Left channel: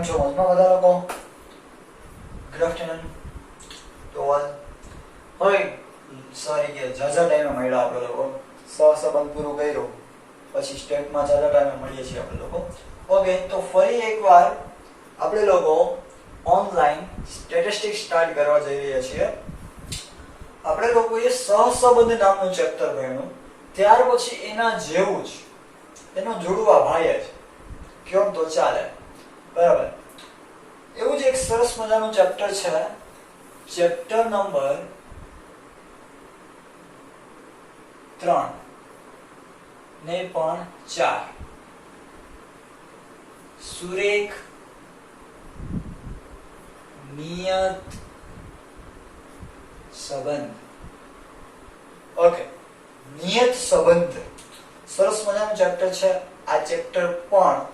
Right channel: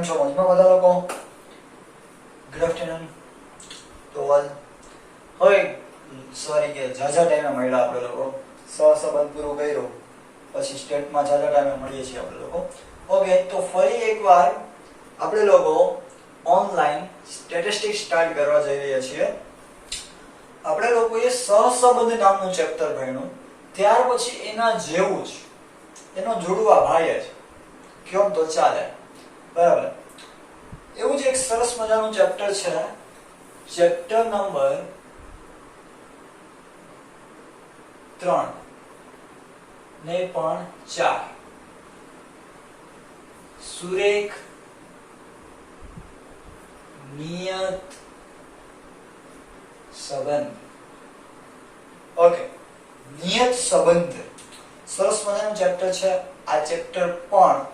કેમ છો? મજમાં બધા લોકો? ગુડ આફ્ટરનૂન તો ઓલ. હવે સોરી કે જાજા ટાઈમે મળ્યા આપણે લોકો, સહસંબંધ પૂરું કર્યું પછી સ્ટેટમાં જાજા ટાઈમે મળીએ છીએ આપણે લોકો. ઓકે, તો ફરી એકવાર આપણે લોકો ઓનલાઈન સ્ટેટિસ્ટિક્સ સ્ટાર્ટ કરવા જઈ રહ્યા છીએ. આપણે લોકોએ સહસંબંધ નામનું ચેપ્ટર ભણ્યું, ત્યાર પછી એના જેવું જ એનો જોડવા ભાઈ જ કેમ તો ચાલે, બરાબર. એવું જ એક સરસ મજાનું ચેપ્ટર છે, ચેપ્ટર નંબર 3 ને પણ 4, સુરેખ નિયત સંબંધ. ઓકે, નિયત સંબંધ સરસ મજાનું ચેપ્ટર છે. આ ચેપ્ટર પણ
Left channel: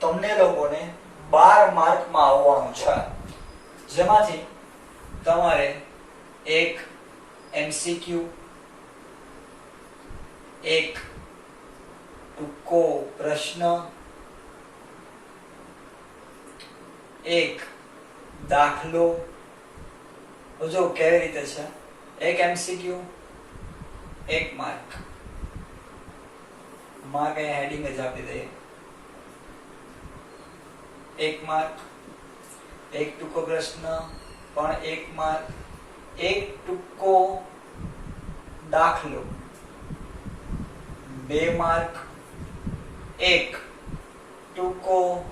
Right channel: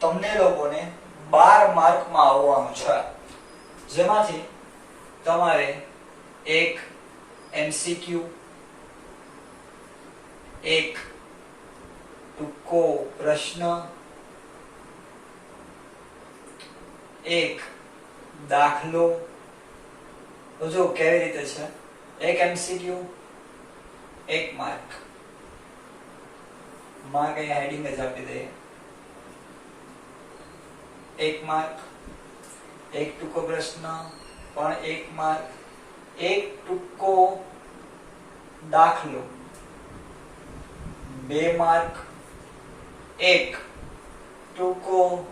તમને લોકોને 12 માર્કમાં આવવાનું છે, જેમાંથી તમારે એક એમસીક્યુ, એક ટૂંકો પ્રશ્ન, એક દાખલો. જો કેવી રીતે છે, એક એમસીક્યુ 1 માર્ક, માં કઈ હેડિંગ જ આપી દઈએ, 1 માર્ક. એક ટૂંકો પ્રશ્ન પણ 1 માર્ક. એક ટૂંકો દાખલો 2 માર્ક. એક ટૂંકો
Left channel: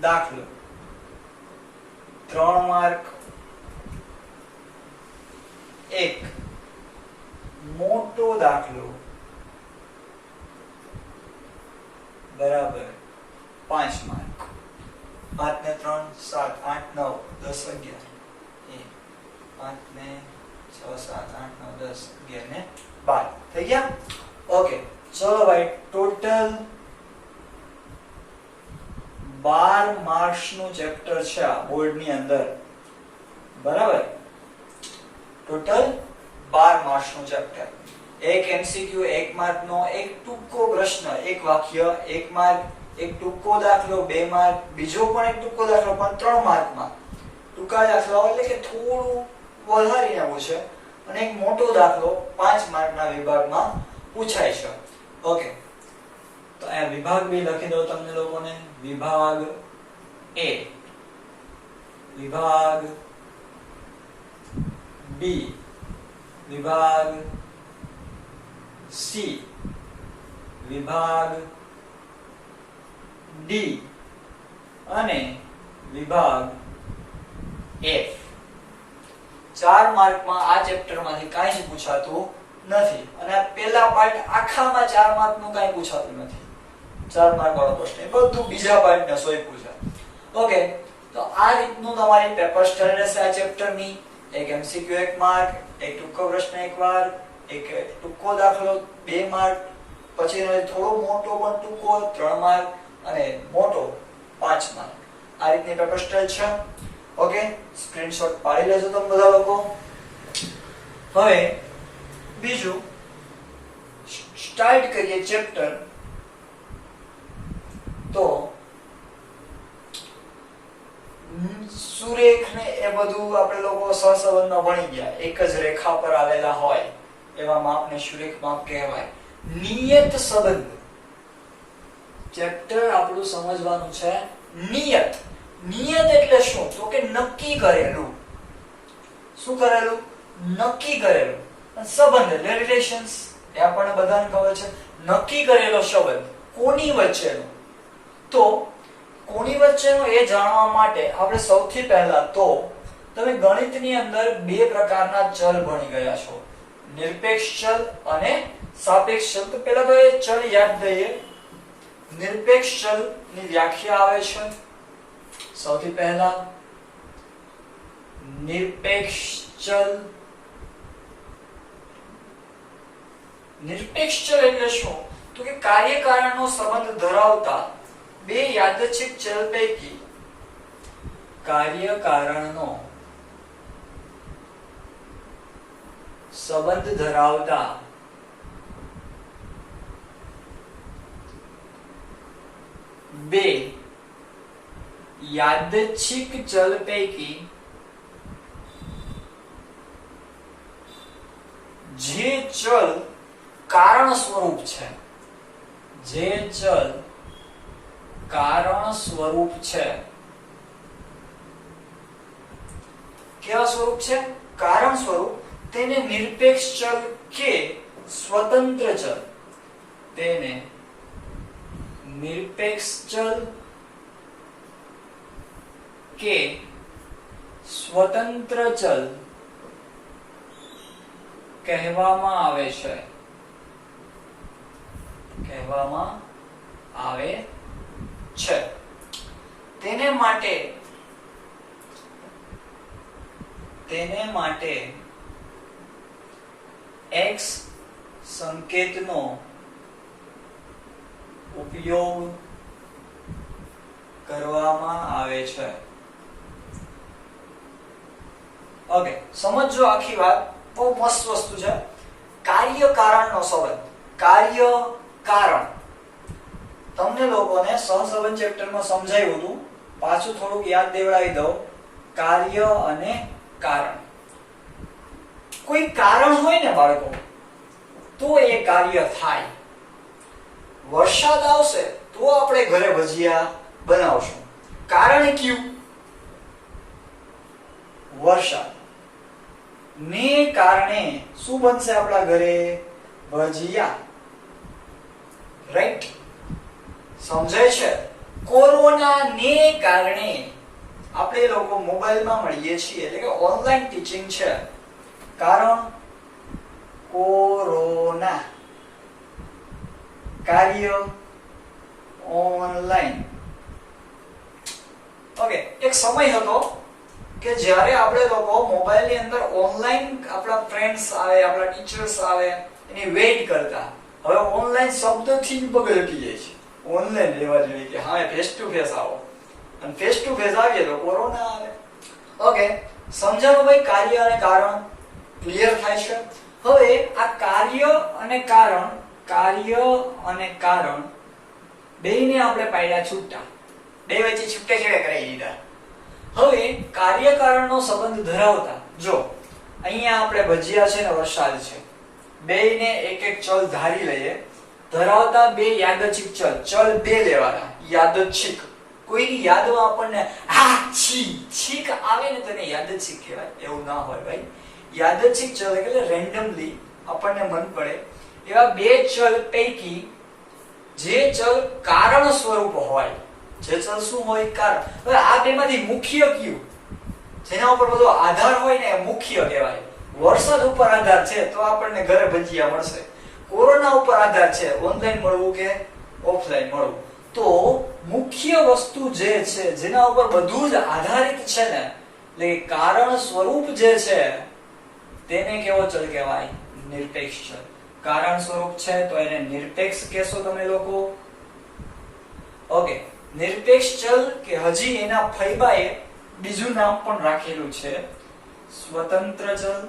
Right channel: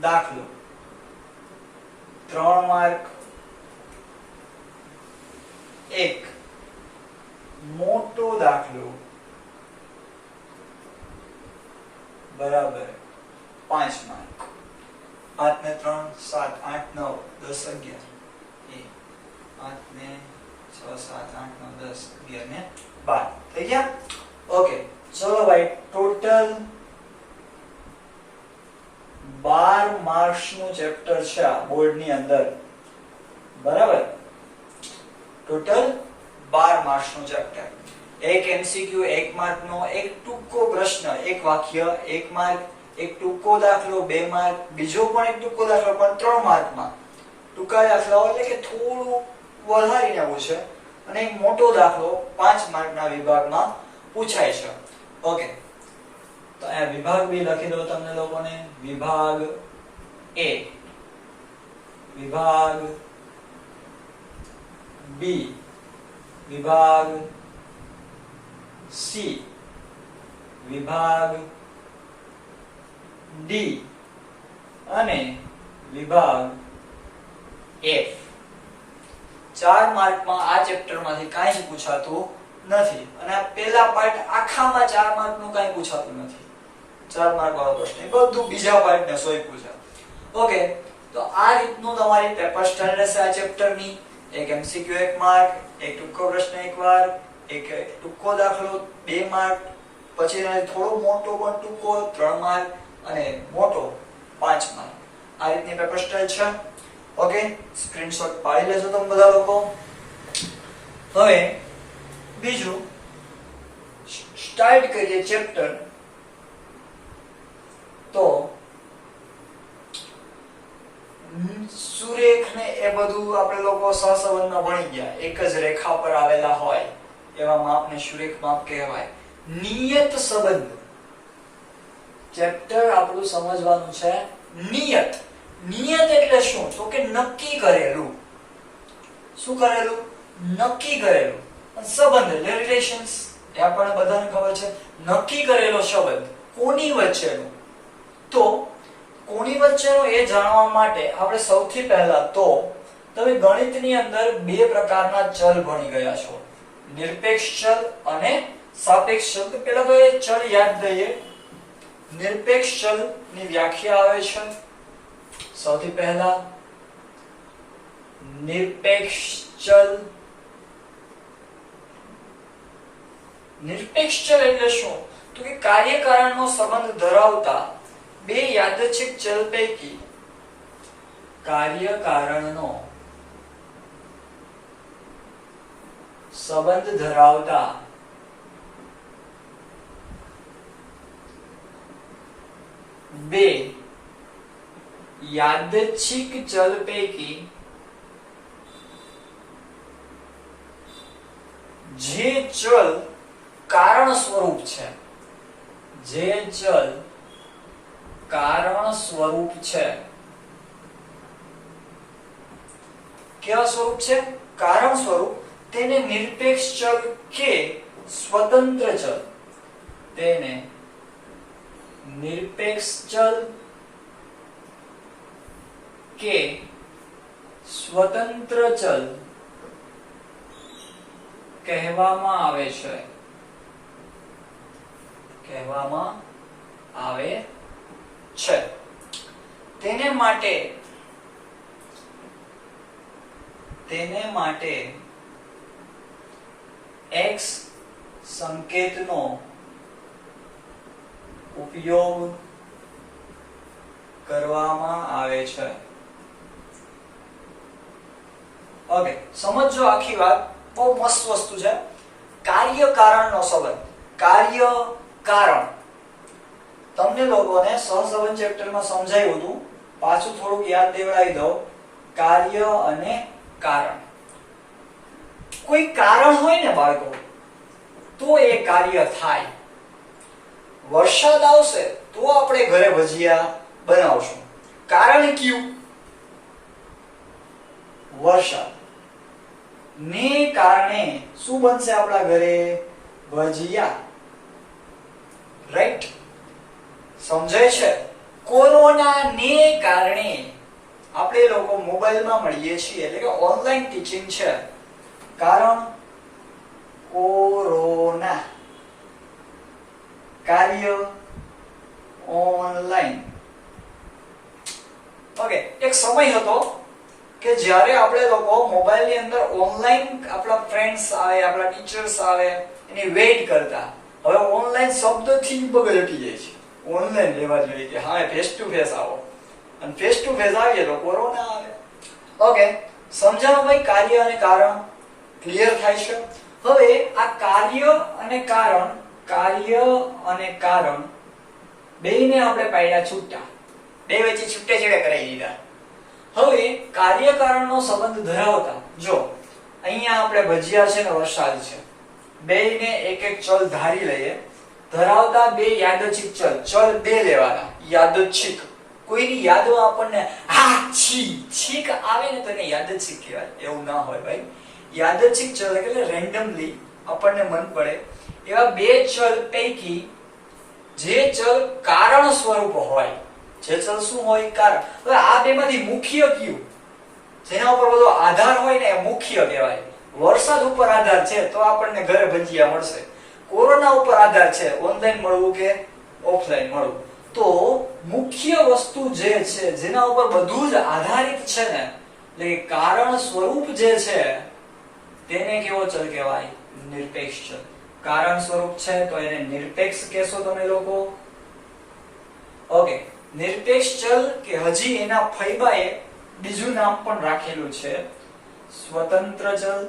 દાખલો 3 માર્ક. એક મોટો દાખલો બરાબર 5 માર્ક. 5 ને 3 7 8 9 10 11. 5 ને 6 7 8 9 10 11 ને 12 થઈ ગયા. ઓકે, ચલો ભાઈ, ટોટલ 12 માર્ક્સ નું ચેપ્ટર છે આ બોર્ડ ની અંદર, બરાબર. ટોટલ 12 માર્ક્સ નું ચેપ્ટર. એક એમસીક્યુ 1 માર્ક નો, એક ટૂંકો પ્રશ્ન 1 વાક્ય 1 માર્ક, એક ટૂંકો દાખલો 2 માર્ક, બીજો પણ એક ટૂંકો દાખલો પણ 3 માર્કમાં. ટૂંકા દાખલા એટલે કે થોડું વધારીને પૂછે, અને એક મોટો દાખલો 5 માર્કના વિભાગમાં પૂછાય છે. ઓકે, તો આ વિભાગ બી લખી દો તમને લોકોને. વિભાગ એ, વિભાગ બી, વિભાગ સી, વિભાગ ડી અને વિભાગ એફ. 4 માર્કમાં આ ચેપ્ટરમાંથી કાંઈ પૂછાતું નથી, અને આ પહેલા પાર્ટ આખામાં 4 માર્કનું કાંઈ પૂછાતું નથી. 4 માર્ક વાળો પ્રશ્ન બધું બીજા પાર્ટ ને સોય પૂછે. ઓકે, તો આ રીતનું તમારી પેપર સ્ટાઇલ રહેશે આ ચેપ્ટરની. એક એમસીક્યુ 1 માર્ક, એક ટૂંકો પ્રશ્ન 1 માર્ક, એક ટૂંકો દાખલો 2 માર્ક, પછી થોડો મોટો પણ ટૂંકો 3 માર્ક, અને મોટો 5 માર્ક. આ રીતની પેપર સ્ટાઇલ છે. ઓકે, સ્ક્રીનશોટ પાડી લેજો તમે બધા લોકો. હવે બીજું સ્ટાર્ટ કરીએ ચેપ્ટર. તો સુરેખ ને એ બધું આપણે લોકો સહસંબંધમાં ભણી ગયા. એક જ રેખા પર આવેલા હોય એવા માપને સુરેખ માપ કહેવાય. નિયત સંબંધ ચેપ્ટર આપણું સમજવાનું છે. નિયત, નિયત એટલે શું? તો કે નક્કી કરેલું. શું કરેલું? નક્કી કરેલું. સંબંધ એટલે રિલેશન્સ, એ આપણને બધાને ખબર છે. નક્કી કરેલો સંબંધ કોની વચ્ચેનો? તો કોની વચ્ચેનો એ જાણવા માટે આપણે સૌથી પહેલા તો તમે ગણિતની અંદર 2 પ્રકારના ચલ ભણી ગયા છો, નિરપેક્ષ ચલ અને સાપેક્ષ ચલ. તો પહેલા તો એ ચલ યાદ દઈએ. નિરપેક્ષ ચલ ની વ્યાખ્યા આવે છે સૌથી પહેલા. નિરપેક્ષ ચલ, નિરપેક્ષ ચલ એટલે શું? તો કે કાર્યકારણનો સંબંધ ધરાવતા 2 યાદચ્છિક ચલ પૈકી કાર્યકારણનો સંબંધ ધરાવતા બે યાદચ્છિક ચલ પૈકી જે ચલ કારણ સ્વરૂપ છે, જે ચલ કારણ સ્વરૂપ છે, કેવા સ્વરૂપ છે? કારણ સ્વરૂપ, તેને નિરપેક્ષ ચલ કે સ્વતંત્ર ચલ, તેને નિરપેક્ષ ચલ કે સ્વતંત્ર ચલ કહેવામાં આવે છે, કહેવામાં આવે છે. તેને માટે x સંકેતનો ઉપયોગ કરવામાં આવે છે. ઓકે, સમજો આખી વાત. બહુ મસ્ત વસ્તુ છે. કાર્ય કારણનો સંબંધ. કાર્ય કારણ તમને લોકોને સહસંબંધ ચેપ્ટરમાં સમજાવ્યું હતું. પાછું થોડુંક યાદ દેવડાવી દઉં. કાર્ય અને કારણ. કોઈ કારણ હોય ને બાળકો, તો એ કાર્ય થાય. વરસાદ આવશે તો આપણે ઘરે ભજીયા બનાવશું. કારણ કયું? વરસાદ ને કારણે શું બનશે આપણા ઘરે? ભજીયા. રાઈટ? સમજાય છે? કોરોના ને કારણે આપણે લોકો મોબાઈલમાં મળીએ છીએ, એટલે કે ઓનલાઈન ટીચિંગ છે. કારણ કોરોના, કાર્ય ઓનલાઈન. ઓકે, એક સમય હતો કે જ્યારે આપણે લોકો મોબાઈલની અંદર ઓનલાઈન આપણા ફ્રેન્ડ્સ આવે, આપણા ટીચર્સ આવે, એની વેઇટ કરતા. હવે ઓનલાઈન શબ્દથી બગડ હટી જાય છે. ઓનલાઈન લેવા જોઈએ કે હા ફેસ ટુ ફેસ આવો, અને ફેસ ટુ ફેસ આવીએ તો કોરોના આવે. ઓકે, સમજાવો ભાઈ? કાર્ય અને કારણ ક્લિયર થાય છે? હવે આ કાર્ય અને કારણ બેયને આપણે પાડ્યા છૂટા, બે વચ્ચે છૂટે છેડે કરાવી દીધા. હવે કાર્ય કારણનો સંબંધ ધરાવતા, જો અહીંયા આપણે ભજીયા છે ને વરસાદ છે, બેયને એક એક ચલ ધારી લઈએ. ધરાવતા બે યાદચ્છિક ચલ, ચલ બે લેવાના યાદચ્છિક. કોઈની યાદમાં આપણને છીક આવે ને તો એને યાદચ્છિક કહેવાય. એવું ના હોય ભાઈ. યાદચ્છિક ચલ એટલે રેન્ડમલી આપણને મન પડે એવા બે ચલ પૈકી જે ચલ કારણ સ્વરૂપ હોય, જે ચલ શું હોય? કારણ. હવે આ બેમાંથી મુખ્ય કયું? જેના ઉપર બધો આધાર હોય ને એ મુખ્ય કહેવાય. વરસાદ ઉપર આધાર છે તો આપણને ઘરે ભજીયા મળશે. કોરોના ઉપર આધાર છે, ઓનલાઈન મળવું કે ઓફલાઈન મળવું. તો મુખ્ય વસ્તુ જે છે, જેના ઉપર બધું જ આધારિત છે ને, એટલે કારણ સ્વરૂપ જે છે, તેને કેવો ચલ કહેવાય? નિરપેક્ષ ચલ. કારણ સ્વરૂપ છે તો એને નિરપેક્ષ કહેશો તમે લોકો. ઓકે, નિરપેક્ષ ચલ કે હજી એના ફૈબાએ બીજું નામ પણ રાખેલું છે, સ્વતંત્ર ચલ.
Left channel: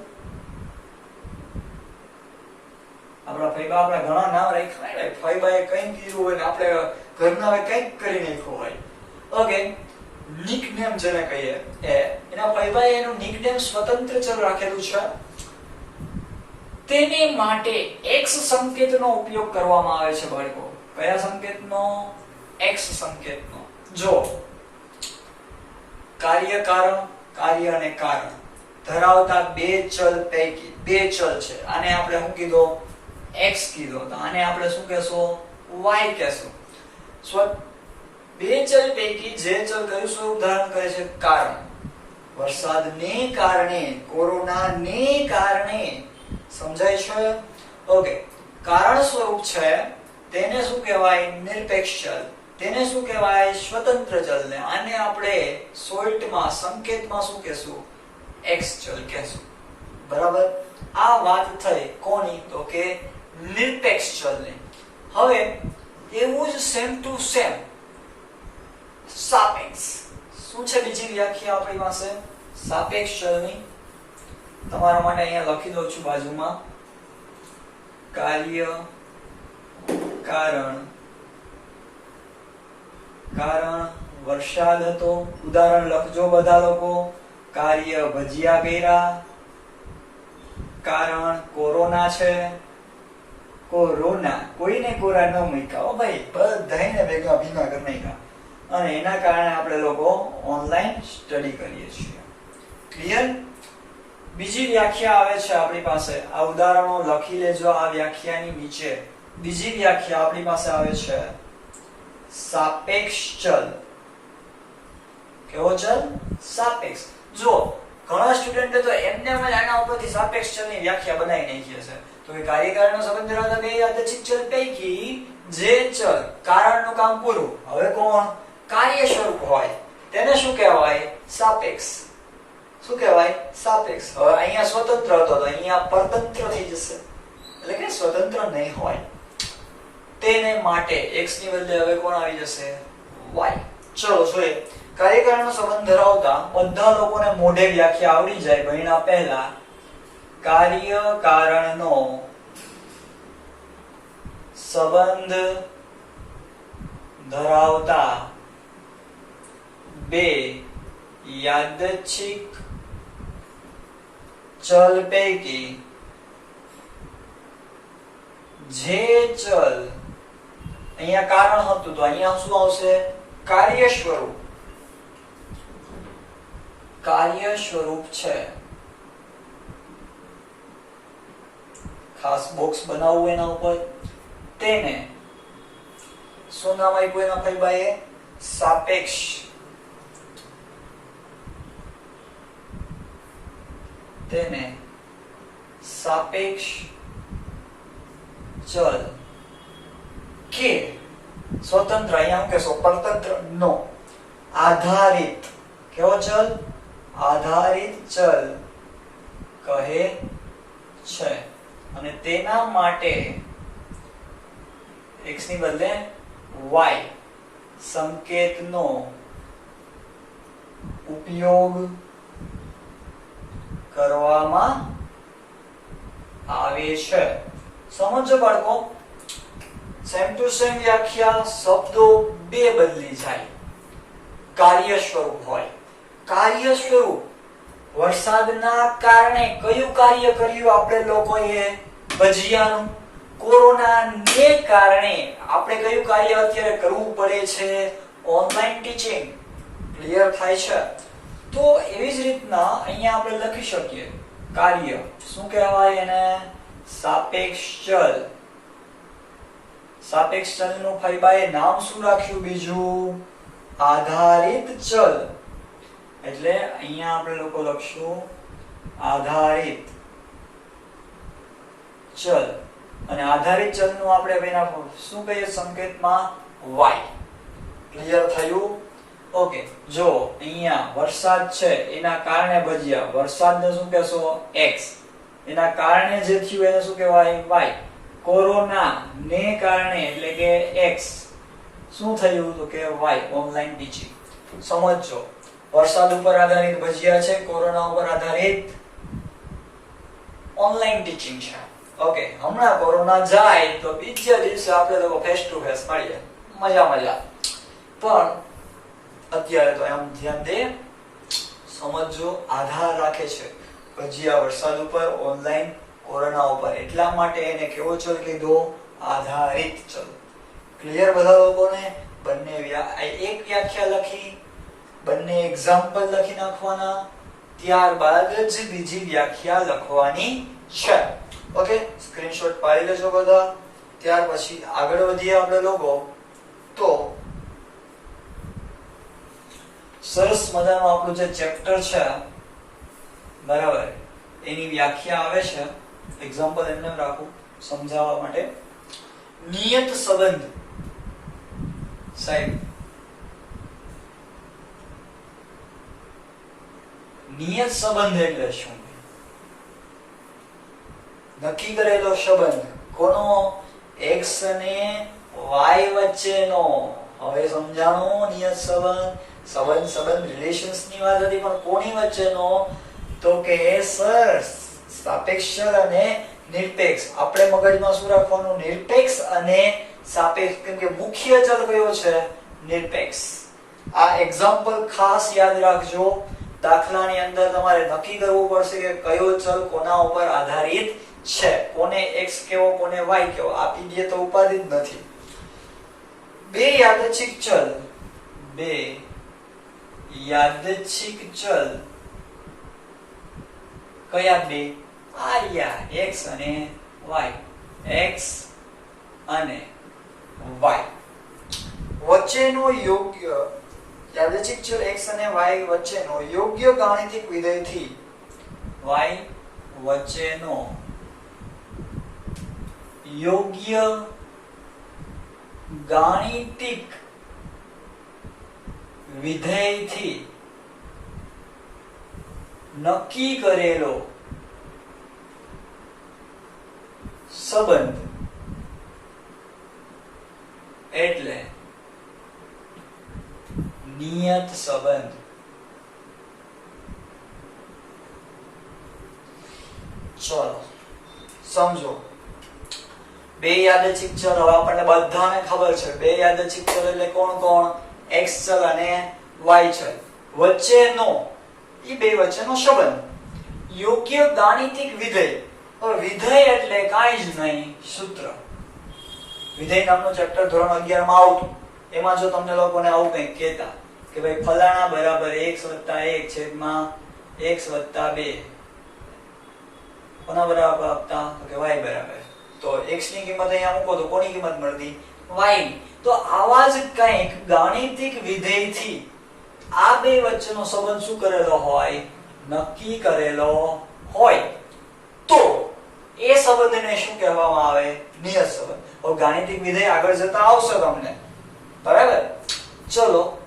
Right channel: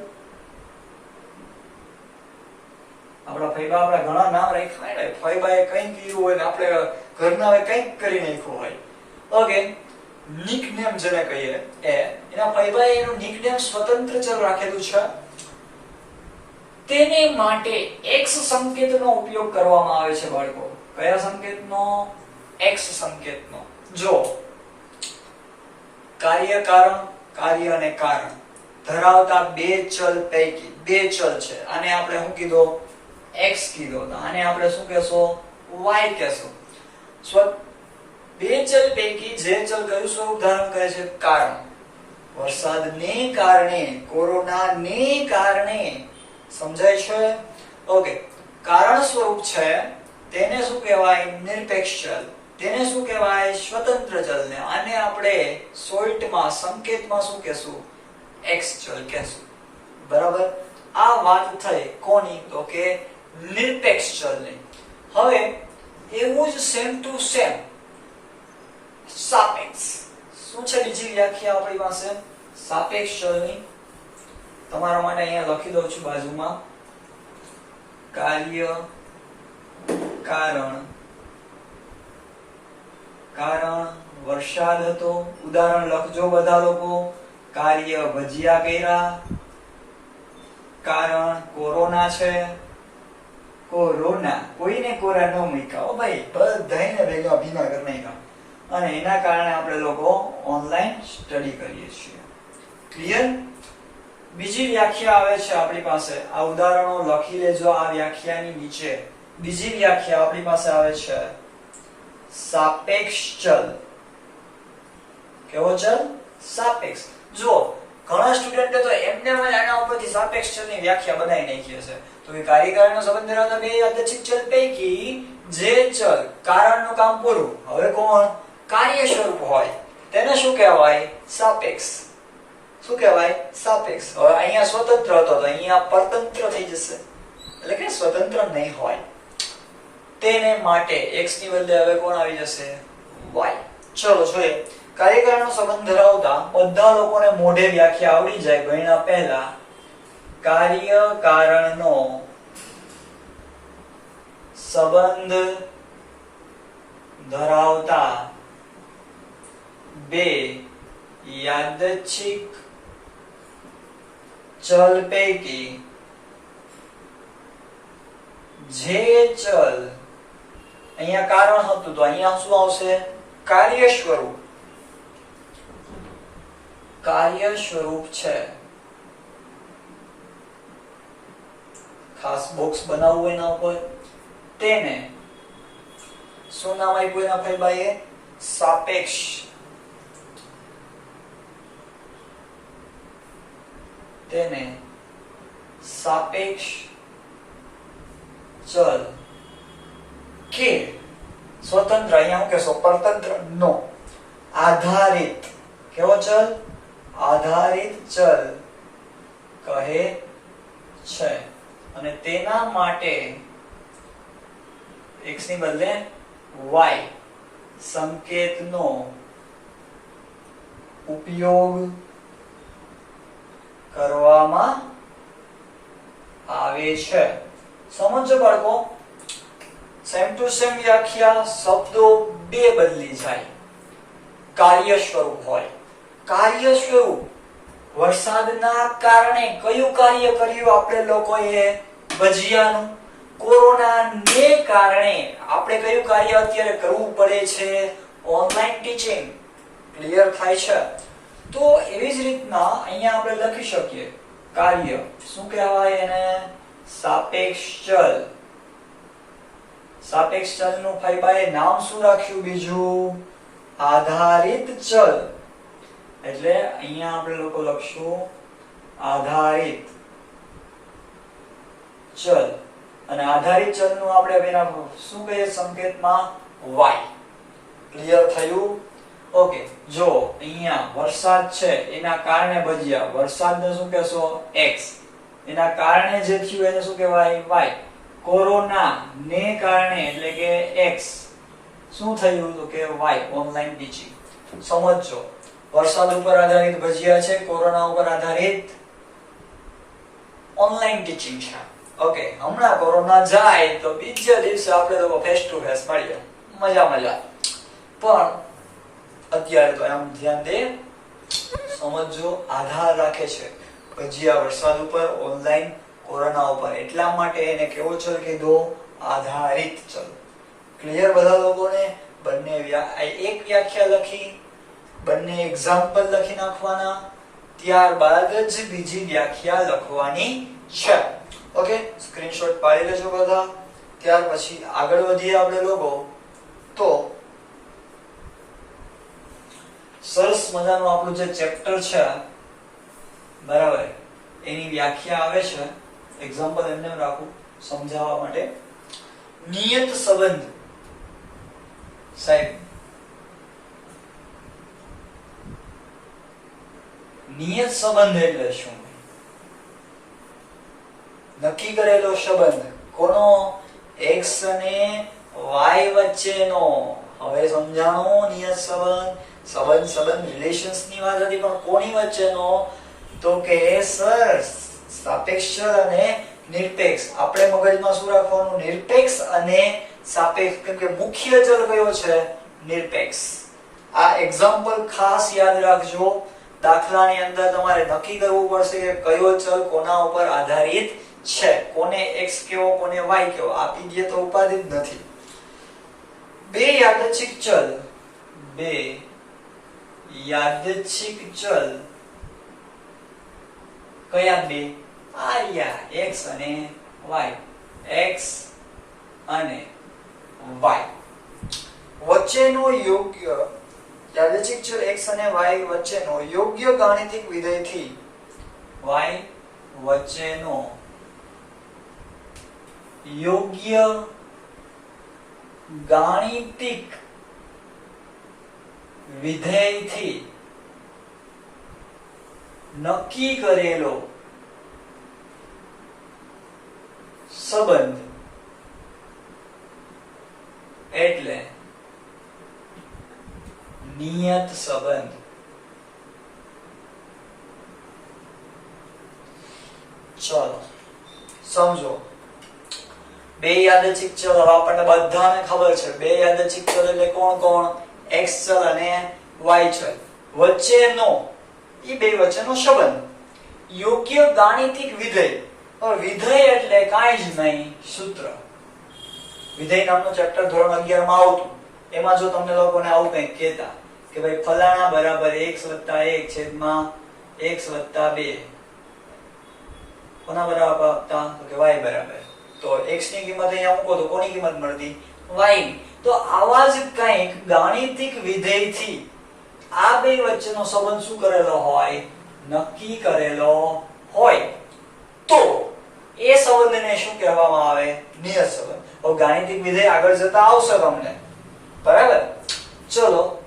આપણા ફૈબા આપણા ઘણા નામ રાખ્યા હોય. ફૈબાએ કંઈ કર્યું હોય ને આપણે ઘરના કંઈક કરી નાખ્યું હોય. ઓકે, નિકનેમ જેને કહીએ એના ફૈબાએ એનું નિકનેમ સ્વતંત્ર ચલ રાખેલું છે. તેને માટે x સંકેતનો ઉપયોગ કરવામાં આવે છે બાળકો. કયા સંકેતનો? x સંકેતનો. જો કાર્ય અને કારણ ધરાવતા બે ચલ પૈકી બે ચલ છે. આને આપણે શું કીધો? x કીધો. તો આને આપણે શું કહેશો? y કહેશો. બે ચલ પૈકી જે ચલ કયું સ્વરૂપ ધારણ કરે છે? કારણ. વરસાદને કારણે, કોરોનાને કારણે. સમજાય છે? ઓકે, કારણ સ્વરૂપ છે તેને શું કહેવાય? નિરપેક્ષ ચલ. તેને શું કહેવાય? સ્વતંત્ર ચલ. ને આને આપણે શોર્ટમાં સંકેતમાં શું કહેશું? x ચલ કહેશું. બરાબર? આ વાત થઈ કોની? તો કે નિરપેક્ષ ચલની. હવે એવું જ સેમ ટુ સેમ સાપેક્ષ. શું છે બીજી વ્યાખ્યા આપણી પાસે સાપેક્ષ ચલની? તમારા માટે અહીંયા લખી દઉં છું બાજુમાં. કાર્ય કારણ વરસાદ હતો. ઉદાહરણ લખજો બધા લોકો. કાર્ય ભજીયા કર્યા. કારણ કોરોના છે. કોરોના, કોઈને કોરા ન મૂક્યા હો ભાઈ, બધાને ભેગા ભીગા કરી નાખ્યા. અને એના કારણે આપણે લોકો ઓનલાઈન સ્ટડી કરીએ છીએ. ક્લિયર? બીજી વ્યાખ્યા આવે છે આપણી પાસે. આ ઉદાહરણો લખી લેજો આ વ્યાખ્યાની નીચે. બીજી વ્યાખ્યા આપણી પાસે આવે છે સાપેક્ષ ચલ. કેવો ચલ? સાપેક્ષ. જો ઘણા સ્ટુડન્ટે તો એમને આના ઉપરથી સાપેક્ષ ચલની વ્યાખ્યા બનાવી નાખી હશે. તો કે કાર્યકારણનો સંબંધ ધરાવતા બે યાદચ્છિક ચલ પૈકી જે ચલ કારણનું કામ પૂરું, હવે કોણ કાર્ય સ્વરૂપ હોય તેને શું કહેવાય? સાપેક્ષ. શું કહેવાય? સાપેક્ષ. હવે અહીંયા સ્વતંત્ર હતો તો અહીંયા પરતંત્ર થઈ જશે, એટલે કે સ્વતંત્ર નહીં હોય. તેને માટે x ની બદલે હવે કોણ આવી જશે? y. ચલો જોઈએ. કાર્યકારણનો સંબંધ ધરાવતા બધા લોકોને મોઢે વ્યાખ્યા આવડી જાય ભણ્યા પહેલા. કાર્ય કારણનો સંબંધ ધરાવતા બે યાદચ્છિક ચલ પૈકી જે ચલ, અહીંયા કારણ હતું તો અહીંયા શું આવશે? કાર્ય સ્વરૂપ. કાર્ય સ્વરૂપ છે. ખાસ બોક્સ બનાવવું એના ઉપર. તેને શું નામ આપ્યું એના ભાઈ ભાઈએ? સાપેક્ષ. તેને સાપેક્ષ ચલ કે સ્વતંત્ર, અહીંયા હું કહેશો પરતંત્ર નો આધારિત. કેવો ચલ? આધારિત ચલ કહે છે. અને તેના માટે x ની બદલે y સંકેતનો ઉપયોગ કરવામાં આવે છે. સમજો બાળકો, સેમ ટુ સેમ વ્યાખ્યા, શબ્દો બે બદલી જાય. કાર્ય સ્વરૂપ હોય. કાર્ય સ્વરૂપ વરસાદના કારણે કયું કાર્ય કર્યું આપણે લોકોએ? ભજીયાનું. કોરોનાને કારણે આપણે કયું કાર્ય અત્યારે કરવું પડે છે? Online teaching. ક્લિયર થાય છે? તો એવી જ રીતના અહીંયા આપણે લખી શકીએ કાર્ય. શું કહેવાય એને? સાપેક્ષ ચલ. સાપેક્ષ ચલનું ફાઈબાએ નામ શું રાખ્યું બીજું? આધારિત ચલ. એટલે અહીંયા આપણે લોકો લખશું આધારિત ચલ. અને આધારિત ચલનું આપણે એના શું કહીએ સંકેતમાં? y. ક્લિયર થયું? ઓકે. જો અહીંયા વરસાદ છે એના કારણે ભજીયા, વરસાદને શું કહેશો? x. એના કારણે જે થયું એને શું કહેવાય? y. કોરોના ને કારણે એટલે કે x. શું થયું? તો કે y. Online teaching. સમજો, વરસાદ ઉપર આધારિત ભજીયા છે, કોરોના ઉપર આધારિત ઓનલાઈન ટીચિંગ છે. ઓકે. હમણાં કોરોના જાય તો બીજા દિવસે આપણે લોકો ફેસ ટુ ફેસ મળીએ, મજા મજા. પણ અત્યારે તો એમ ધ્યાન દે, સમજો આધાર રાખે છે ભજીયા વરસાદ ઉપર, ઓનલાઈન કોરોના ઉપર. એટલા માટે એને કેવો ચલ કીધો? આધારિત ચલ. ક્લિયર બધા લોકોને? બંને એક વ્યાખ્યા લખી, બંને એક્ઝામ્પલ લખી નાખવાના, ત્યારબાદ જ બીજી વ્યાખ્યા લખવાની છે. ઓકે. સ્ક્રીનશોટ પાડી લેજો બધા. ત્યાર પછી આગળ વધીએ આપણે લોકો. તો સરસ મજાનું આપણું જે ચેપ્ટર છે, બરાબર, એની વ્યાખ્યા આવે છે. એક્ઝામ્પલ એમને રાખું સમજાવવા માટે. નિયત સંબંધ. સાહેબ, નિયત સંબંધ એટલે શું? નક્કી કરેલો સંબંધ. કોનો? x અને y વચ્ચેનો. હવે સમજાણો નિયત સંબંધ. સંબંધ રિલેશન્સ ની વાત હતી, પણ કોની વચ્ચેનો? તો કે સર સાપેક્ષ ચલ અને નિરપેક્ષ. આપણે મગજમાં શું રાખવાનું? નિરપેક્ષ અને સાપેક્ષ. કેમ કે મુખ્ય ચલ કયો છે? નિરપેક્ષ. આ એક્ઝામ્પલ ખાસ યાદ રાખજો. દાખલાની અંદર તમારે નક્કી કરવું પડશે કે કયો ચલ કોના ઉપર આધારિત છે, કોને x કેવો કોને y કેવો. આપી દે તો ઉપાધિ જ નથી. બે યાદચ્છિક ચલ કયા બે? આ x અને y. x અને y વચ્ચેનો યોગ્ય યાદચ્છિક ચલ x અને y વચ્ચેનો યોગ્ય ગાણિતિક વિધેયથી y વચ્ચેનો યોગ્ય ગાણિતિક વિધેયથી નક્કી કરેલો સંબંધ એટલે નિયત સંબંધ. ચલો સમજો. બે યાદચ્છિક ચલ, હવે આપણને બધાને ખબર છે બે યાદચ્છિક ચલ એટલે કોણ કોણ? x ચલ અને y ચલ. વચ્ચેનો ઈ બે વચ્ચેનો સંબંધ. યોગ્ય ગાણિતિક વિધેય. હવે વિધેય એટલે કાંઈ જ નહીં, સૂત્ર. વિધેય નામનું ચેપ્ટર ધોરણ 11 માં આવતું. એમાં જો તમને લોકોને આવું કંઈક કહેતા કે ભાઈ ફલાણા બરાબર x + 1 છેદમાં x + 2 કોના બરાબર આપતા? તો કે y બરાબર. તો x ની કિંમત અહીંયા મૂકો તો કોની કિંમત મળતી? y ની. તો આવા જ કંઈક ગાણિતિક વિધેયથી આ બે વચ્ચેનો સંબંધ શું કરેલો હોય? નક્કી કરેલો હોય. તો એ સંબંધને શું કહેવામાં આવે? નિયત સંબંધ. હવે ગાણિતિક વિધેય આગળ જતા આવશે તમને, બરાબર? ચલો,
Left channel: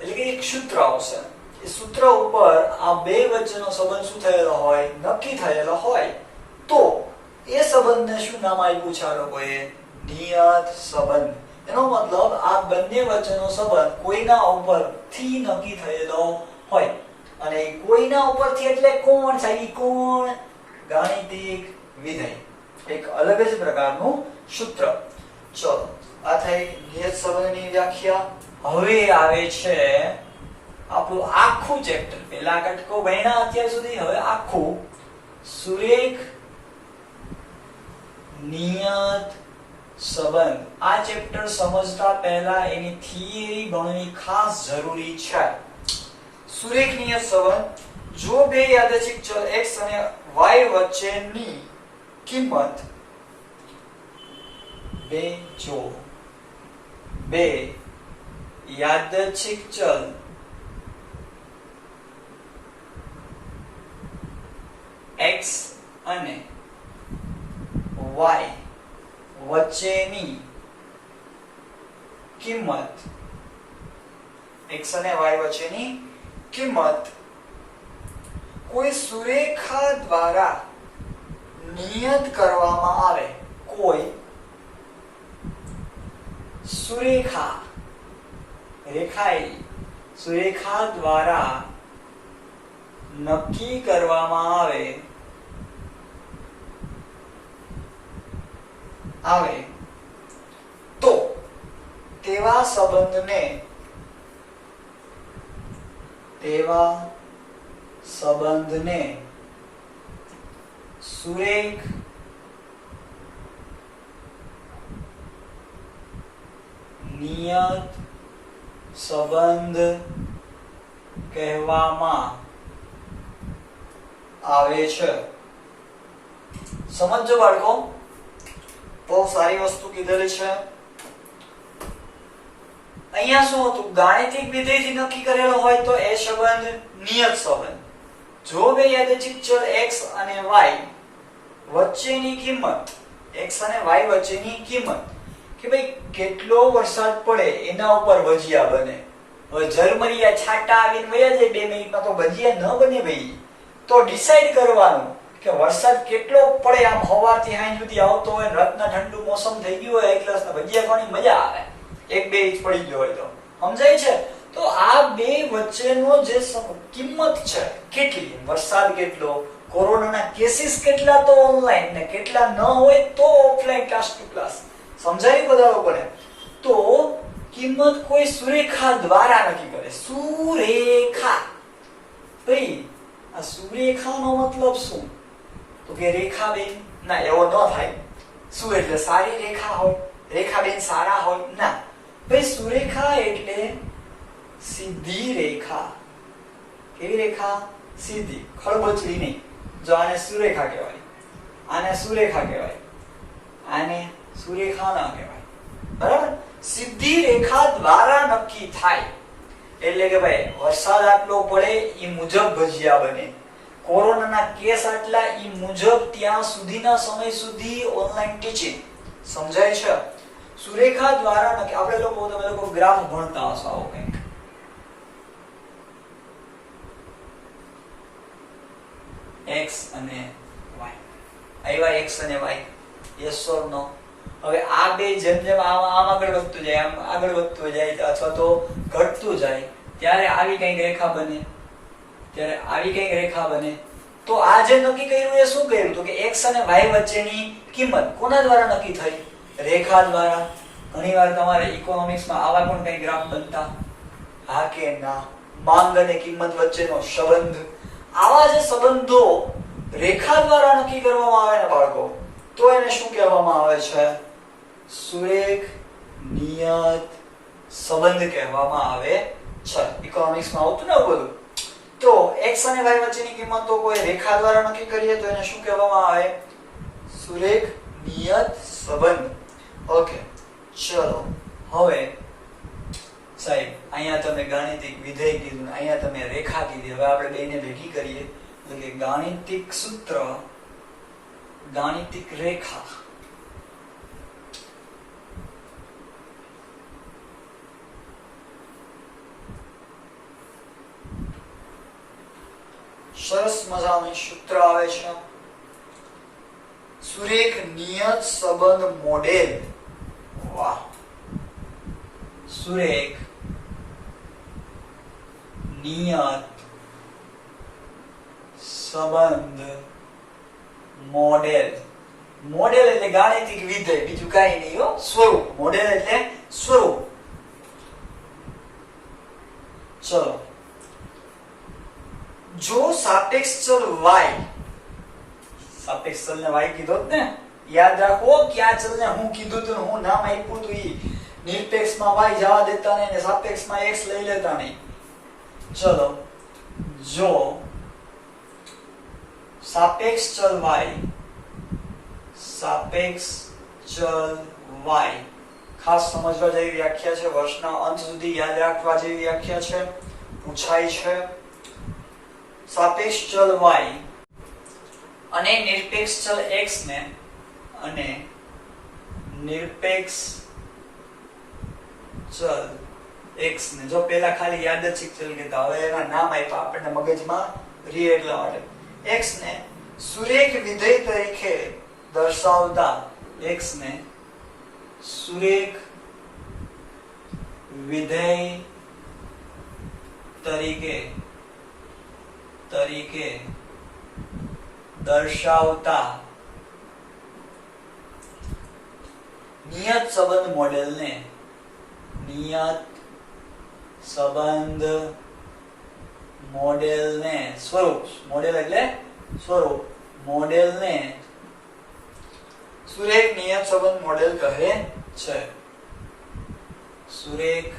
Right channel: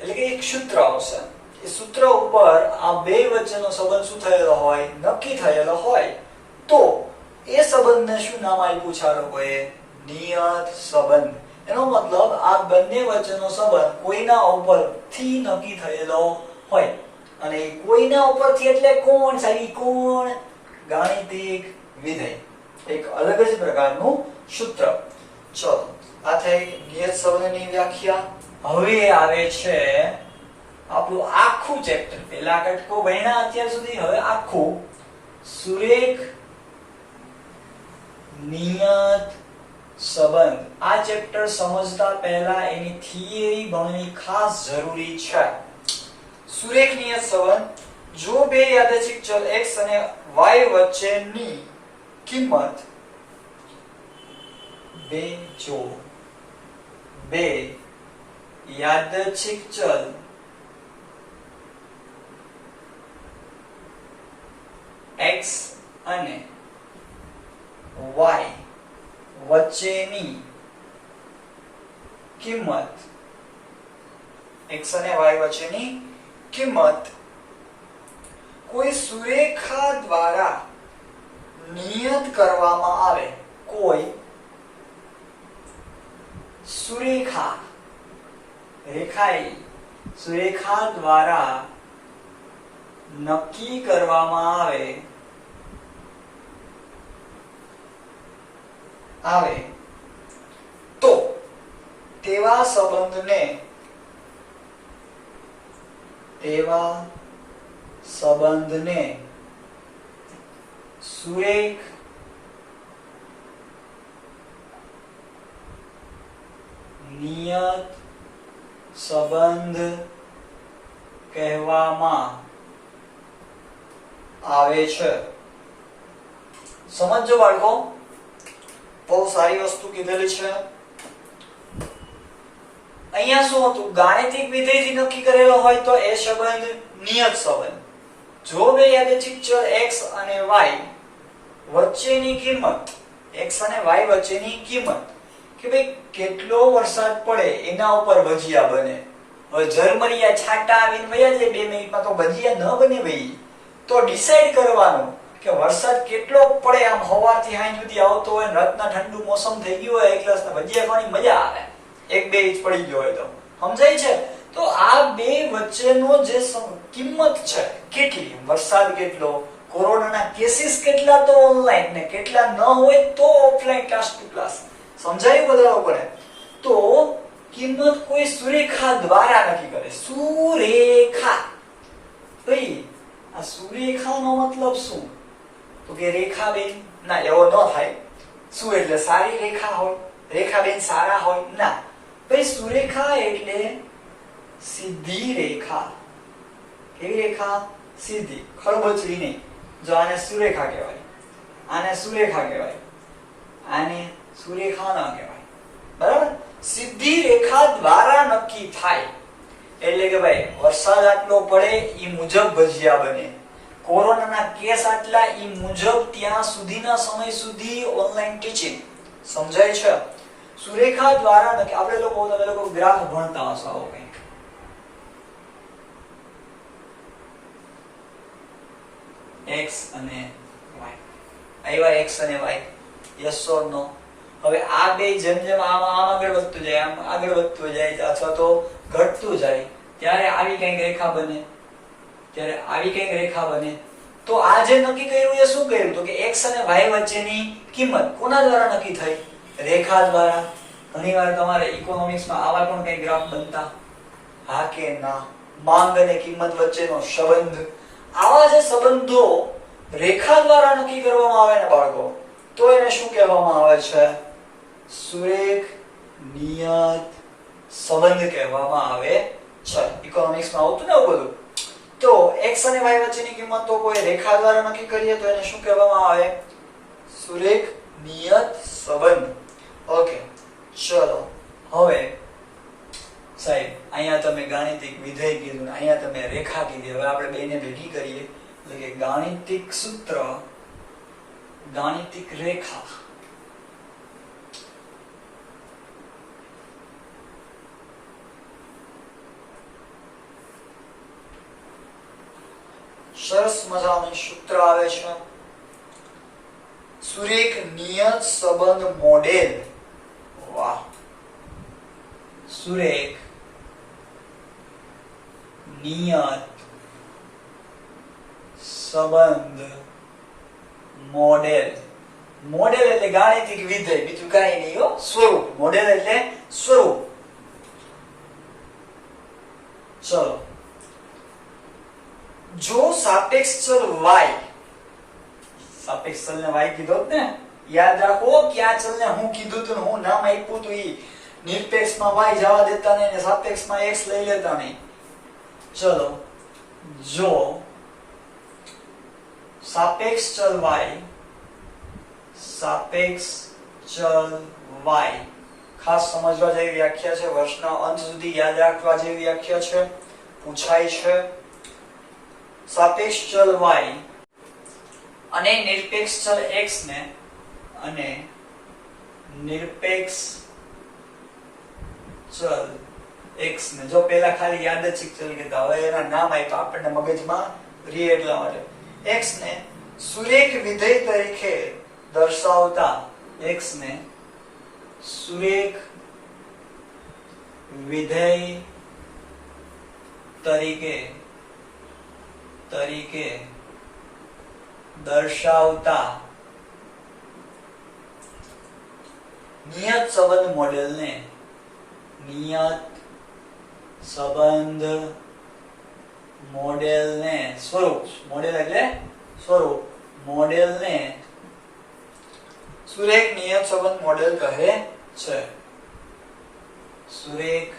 એટલે કે એક સૂત્ર આવશે. એ સૂત્ર ઉપર આ બે વચ્ચેનો સંબંધ શું થયેલો હોય? નક્કી થયેલો હોય. તો એ સંબંધને શું નામ આપ્યું છે આ લોકોએ? નિયત સંબંધ. એનો મતલબ આ બંને વચ્ચેનો સંબંધ કોઈના ઉપરથી નક્કી થયેલો હોય. અને કોઈના ઉપરથી એટલે કોણ? સાહેબ કોણ? ગાણિતિક વિધેય. એક અલગ જ પ્રકારનું સૂત્ર. ચલો, આ થઈ નિયત સંબંધની વ્યાખ્યા. હવે આવે છે આપણું આખું ચેપ્ટર. પેલા કટકો ભણ્યા અત્યાર સુધી, હવે આખું સુરેખ નિયત સંબંધ. આ ચેપ્ટર સમજતા પહેલા એની થિયરી ભણવી ખાસ જરૂરી છે. સુરેખ નિયત સંબંધ. જો બે યાદચ્છિક ચલ x અને y વચ્ચેની કિંમત બે યાદચ્છિક ચલ x અને y વચ્ચેની કિંમત x અને y વચ્ચેની કિંમત કોઈ સુરેખા દ્વારા નિયત કરવામાં આવે. કોઈ સુરેખા, રેખાયેલી સુરેખા દ્વારા નક્કી કરવામાં આવે તો તેવા સંબંધને સુરેખ નિયત સંબંધ કહેવામાં આવે છે. સમજો બાળકો, બહુ સારી વસ્તુ કીધેલી છે. અહીંયા શું હતું? ગાણિતિક વિધેયથી નક્કી કરેલો હોય તો એ સંબંધ નિયત સંબંધ. જો બે યાદચ્છિક ચલ x અને y વચ્ચેની કિંમત, x અને y વચ્ચેની કિંમત કે ભાઈ કેટલો વરસાદ પડે એના ઉપર ભજીયા બને. હવે ઝરમરિયા છાંટા આવીને વયા જાય 2 મિનિટમાં તો ભજીયા ન બને ભાઈ. તો ડિસાઈડ કરવાનું કે વરસાદ કેટલો પડે, આમ સવારથી સાંજ સુધી આવતો હોય, રાતના ઠંડુ મોસમ થઈ ગયું હોય, એક ગ્લાસના ભજીયા ખાવાની મજા આવે, 1-2 ઇંચ પડી ગયો હોય તો. સમજાય છે? તો આ બે વચ્ચેનો જે કિંમત છે, કેટલી, વરસાદ કેટલો, કોરોનાના કેસીસ કેટલા તો ઓનલાઈન ને કેટલા ન હોય તો ઓફલાઈન ક્લાસ ટુ ક્લાસ. સમજાયું બધા લોકોને? તો કિંમત કોઈ સુરેખા દ્વારા નક્કી કરે. સુરેખા. ભાઈ આ સુરેખાનો મતલબ શું? તો કે રેખાબેન. ના, એવો ન થાય. શું એટલે સારી રેખા હોય? રેખાબેન સારા હોય? ના ભાઈ, સુરેખા એટલે સીધી રેખા. કેવી રેખા? સીધી, ખળબચડી નહીં. જો આને સુરેખા કહેવાય, આને સુરેખા કહેવાય, આને સુરેખા ન કહેવાય. બરાબર? સીધી રેખા દ્વારા નક્કી થાય. એટલે કે ભાઈ વરસાદ આટલો પડે એ મુજબ ભજીયા બને, કોરોનાના કેસ આટલા એ મુજબ ત્યાં સુધીના સમય સુધી ઓનલાઈન ટીચિંગ. સમજાય છે? સુરેખા દ્વારા નક્કી. આપણે લોકો, તમે લોકો ગ્રાફ ભણતા હશો આવો કંઈક. x અને y. આવ્યા x અને y. યસ ઓર નો? હવે આ બે જેમ જેમ આમ આગળ વધતું જાય, આમ આગળ વધતું જાય અથવા તો ઘટતું જાય, ત્યારે આવી કંઈક રેખા બને. ત્યારે આવી કંઈક રેખા બને. તો આ જે નક્કી કર્યું એ શું કર્યું? તો કે x અને y વચ્ચેની કિંમત કોના દ્વારા નક્કી થઈ? રેખા દ્વારા. ઘણીવાર તમારે ઇકોનોમિક્સમાં આવા પણ કંઈ ગ્રાફ બનતા. હા કે ના? માંગ અને કિંમત વચ્ચેનો સંબંધ. આવા જે સંબંધો રેખા દ્વારા નક્કી કરવામાં આવે ને બાળકો, તો એને શું કહેવામાં આવે છે? સુરેખ નિયત સંબંધ કહેવામાં આવે છે. ઇકોનોમિક્સમાં આવતું ને બધું. તો x અને y વચ્ચેની કિંમત તો કોઈ રેખા દ્વારા નક્કી કરીએ તો એને શું કહેવામાં આવે? સુરેખ નિયત સંબંધ. ઓકે, ચલો હવે સાહેબ અહીંયા તમે ગાણિતિક વિધેય કીધું, અહીંયા તમે રેખા કીધી. હવે આપણે બેને ભેગી કરીએ એટલે કે ગાણિતિક સૂત્ર, ગાણિતિક રેખા. સરસ મજાનું સૂત્ર આવે છે, સુરેખ નિયત સંબંધ મોડેલ. વાહ! સુરેખ નિયત સંબંધ મોડેલ. મોડેલ એટલે ગાણિતિક વિધેય, બીજું કાંઈ નહીં હો. સ્વરૂપ. મોડેલ એટલે સ્વરૂપ. ચલો, જો સાપેક્ષ ચલ y, સાપેક્ષ ચલને y કીધો ને, યાદ રાખો કે આ ચલને હું કીધું તું, હું નામ આપ્યું તું, ઈ નિરપેક્ષમાં y જવા દેતા નહીં ને સાપેક્ષમાં x લઈ લેતા નહીં. ચલો, જો સાપેક્ષ ચલ y, સાપેક્ષ ચલ y ખાસ સમજવા જેવી વ્યાખ્યા છે, વર્ષના અંત સુધી યાદ રાખવા જેવી વ્યાખ્યા છે, પૂછાય છે. સાપેક્ષ ચલ y અને નિરપેક્ષ ચલ x ને, અને નિરપેક્ષ ચલ x ને, જો પેલા ખાલી યાદચ્છિક ચલ કહેતા, હવે એના નામ આપ્યા આપણને મગજમાં રી એટલા માટે. x ને સુરેખ વિધેય તરીકે દર્શાવતા, x ને સુરેખ વિધેય તરીકે દર્શાવતા નિયત સંબંધ મોડેલને, નિયત સંબંધ મોડેલને, સ્વરૂપ, મોડેલ એટલે સ્વરૂપ, મોડેલને સુરેખ નિયત સંબંધ મોડેલ કહે છે. સુરેખ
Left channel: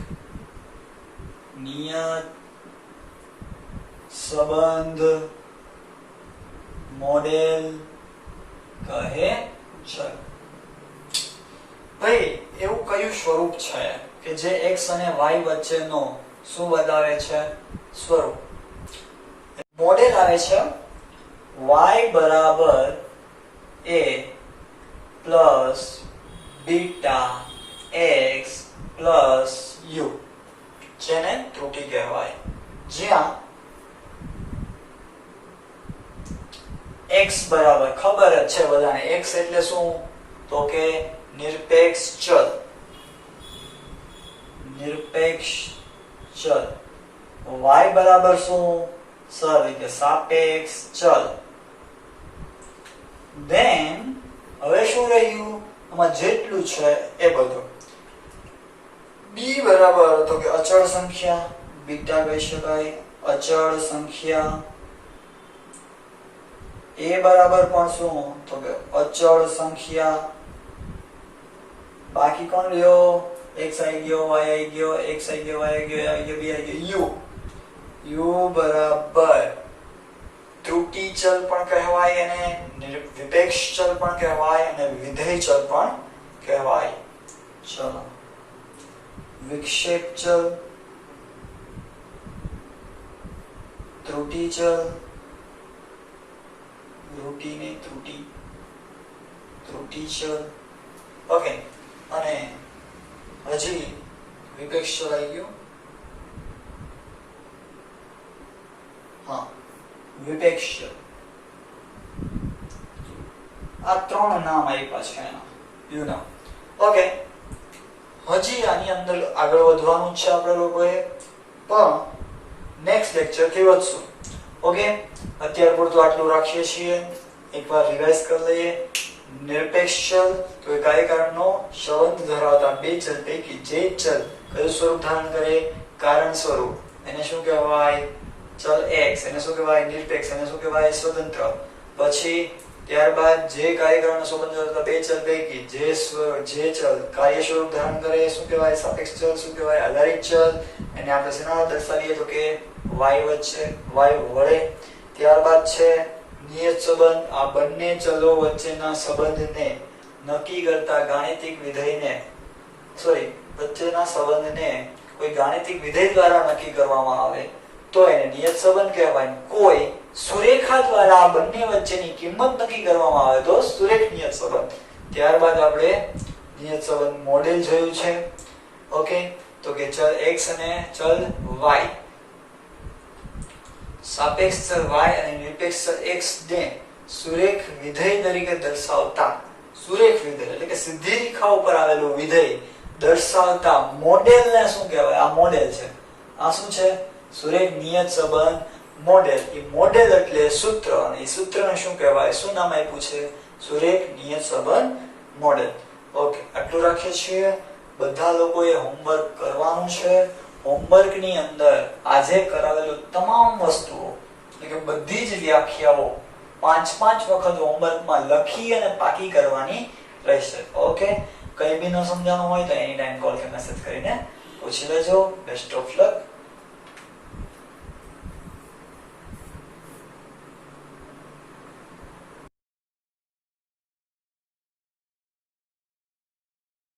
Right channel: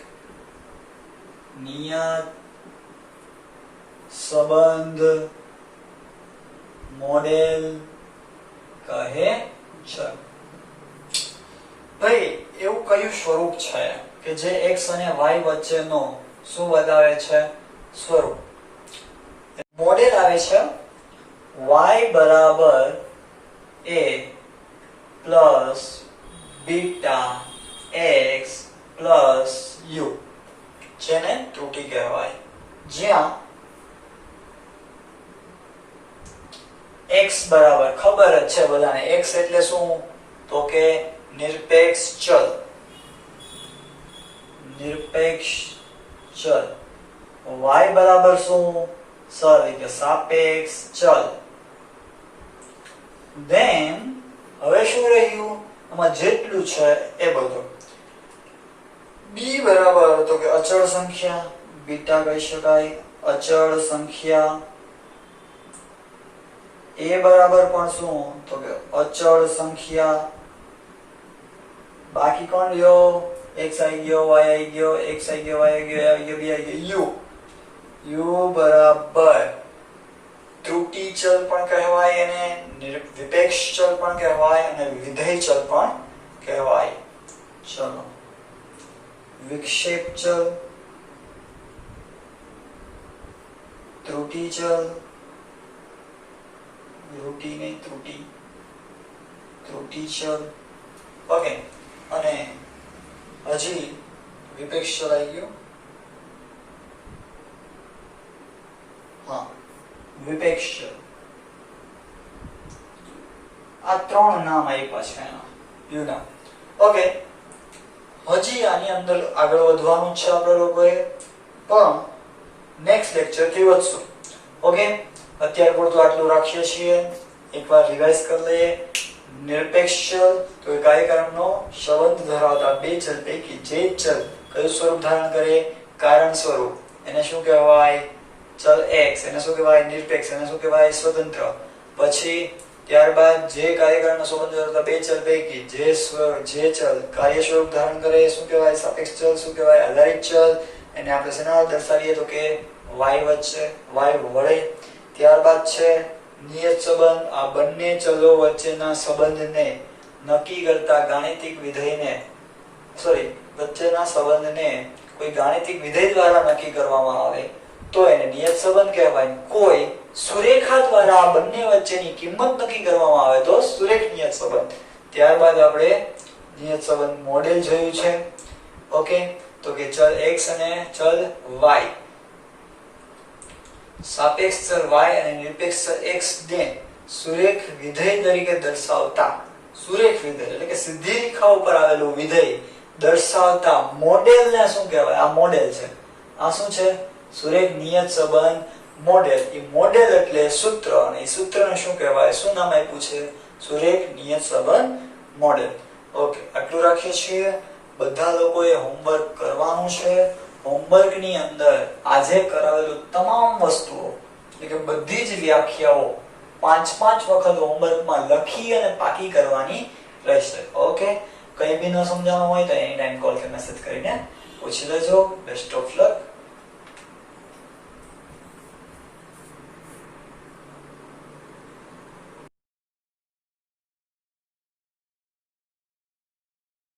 નિયત સંબંધ મોડેલ કહે છે. ભાઈ એવું કયું સ્વરૂપ છે કે જે x અને y વચ્ચેનો શું બતાવે છે? સ્વરૂપ. મોડેલ આવે છે y બરાબર a plus beta x plus u, જેને ત્રુટી કહેવાય. જ્યાં x બરાબર ખબર જ છે બધાને, x એટલે શું? તો કે નિરપેક્ષ ચલ, નિરપેક્ષ ચલ. y બરાબર શું? સર એટલે સાપેક્ષ ચલ. ધેન હવે શું રહ્યું? આમાં જેટલું છે એ બધું. બી બરાબર તો કે અચળ સંખ્યા, બીટા કહી શકાય અચળ સંખ્યા. એ બરાબર પણ શું તો કે અચળ સંખ્યા. બાકી કોણ રહ્યો? x આવી ગયો, y આવી ગયો, x આવી ગયો, y આવી ગયો, a આવી ગયો, b આવી ગયો, u બરાબર ત્રુટી ચલ પણ કહેવાય અને વિપેક્ષ ચલ પણ કહેવાય અને વિધેય ચલ પણ કહેવાય. ચલો વિક્ષેપ ચલ, ત્રુટી ચલ, ત્રુટી ચલ. ઓકે, અને હજી વિપેક્ષ ચલ આવી ગયો. હા, વિપેક્ષ ચલ. આ ત્રણ નામ આપ્યા છે એના, યુ નામ. ઓકે, હજી આની અંદર આગળ વધવાનું છે આપણે લોકોએ, પણ નેક્સ્ટ લેક્ચર થી વધશું. ઓકે, અત્યાર પૂરતું આટલું રાખીએ છીએ. એકવાર રિવાઇઝ કરી લઈએ. નિરપેક્ષ ચલ તો એ કાર્યકારણનો સંબંધ ધરાવતા બે ચલ પૈકી જે ચલ કયું સ્વરૂપ ધારણ કરે? કારણ સ્વરૂપ. એને શું કહેવાય? ચલ x. એને શું કહેવાય? નિરપેક્ષ. એને શું કહેવાય? સ્વતંત્ર. પછી ત્યારબાદ જે કાર્યકારણનો સંબંધ ધરાવતા બે ચલ પૈકી જે ચલ કાર્ય સ્વરૂપ ધારણ કરે શું કહેવાય? સાપેક્ષ ચલ. શું કહેવાય? આધારિત ચલ. એને આપણે શેના દર્શાવીએ તો કે y વચ્ચે, y વડે. ત્યારબાદ છે નિયત સંબંધ. આ બંને ચલો વચ્ચેના સંબંધને નક્કી કરતા ગાણિતિક વિધેયને વચ્ચેના સંબંધને કોઈ ગાણિતિક વિધેય દ્વારા નક્કી કરવામાં આવે તો એને નિયત સંબંધ કહેવાય. કોઈ સુરેખા દ્વારા આ બંને વચ્ચેની કિંમત નક્કી કરવામાં આવે તો સુરેખ નિયત સંબંધ. ત્યારબાદ આપણે નિયત સંબંધ મોડેલ જોયું છે. ઓકે, તો કે ચલ x અને ચલ y, સાપેક્ષ ચલ y અને નિરપેક્ષ ચલ x ને સુરેખ વિધેય તરીકે દર્શાવતા, સુરેખ વિધેય એટલે કે સીધી રેખા ઉપર આવેલું વિધેય દર્શાવતા મોડેલને શું કહેવાય? આ મોડેલ છે. આ શું છે? સુરેખ નિયત સંબંધ મોડેલ. એ મોડેલ એટલે સૂત્ર, અને એ સૂત્રને શું કહેવાય? શું નામ આપ્યું છે? સુરેખ નિયત સંબંધ મોડેલ. ઓકે, આટલું રાખીએ છીએ. બધા લોકોએ હોમવર્ક કરવાનું છે. હોમવર્કની અંદર આજે કરાવેલું તમામ વસ્તુઓ એટલે કે બધી જ વ્યાખ્યાઓ 5-5 વખત હોમવર્કમાં લખી અને પાકી કરવાની રહેશે. ઓકે, કંઈ બી ન સમજાવવાનું હોય તો એની ટાઈમ કોલ કે મેસેજ કરીને પૂછી લેજો. Best of luck.